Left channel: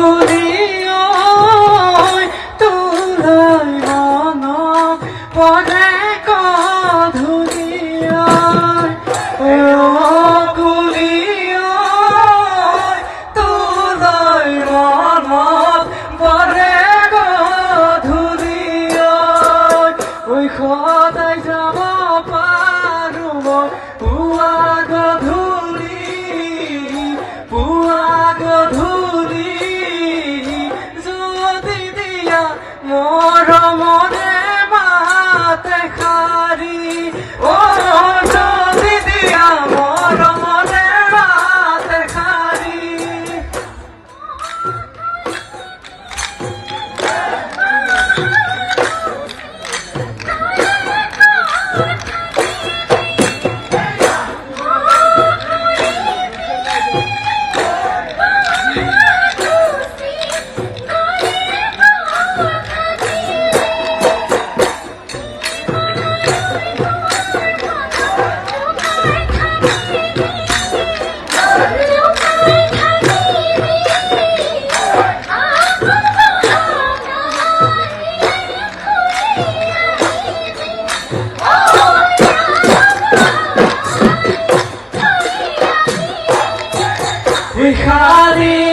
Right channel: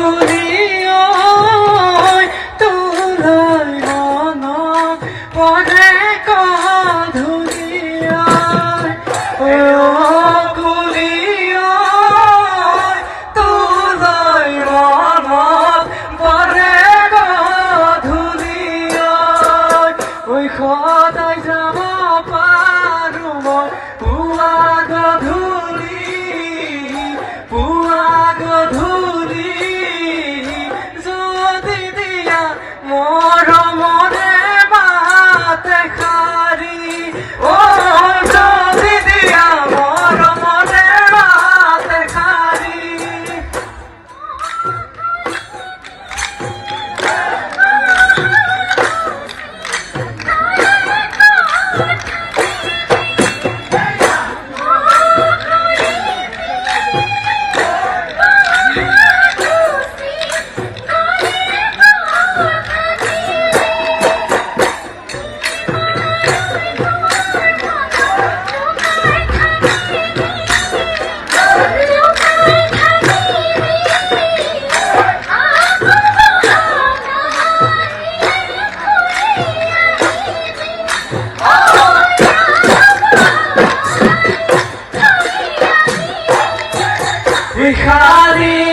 কুলিও তুলাই মনত পৰে গধূলিও কুলিও তুলাই মনত পৰে গধূলিও সদায় যাব পাৰো মই পুৱা গধূলি যদি দিয়া মৰমৰে মাত এষাৰি যদি দিয়া মৰমৰে মাত এষাৰি Hare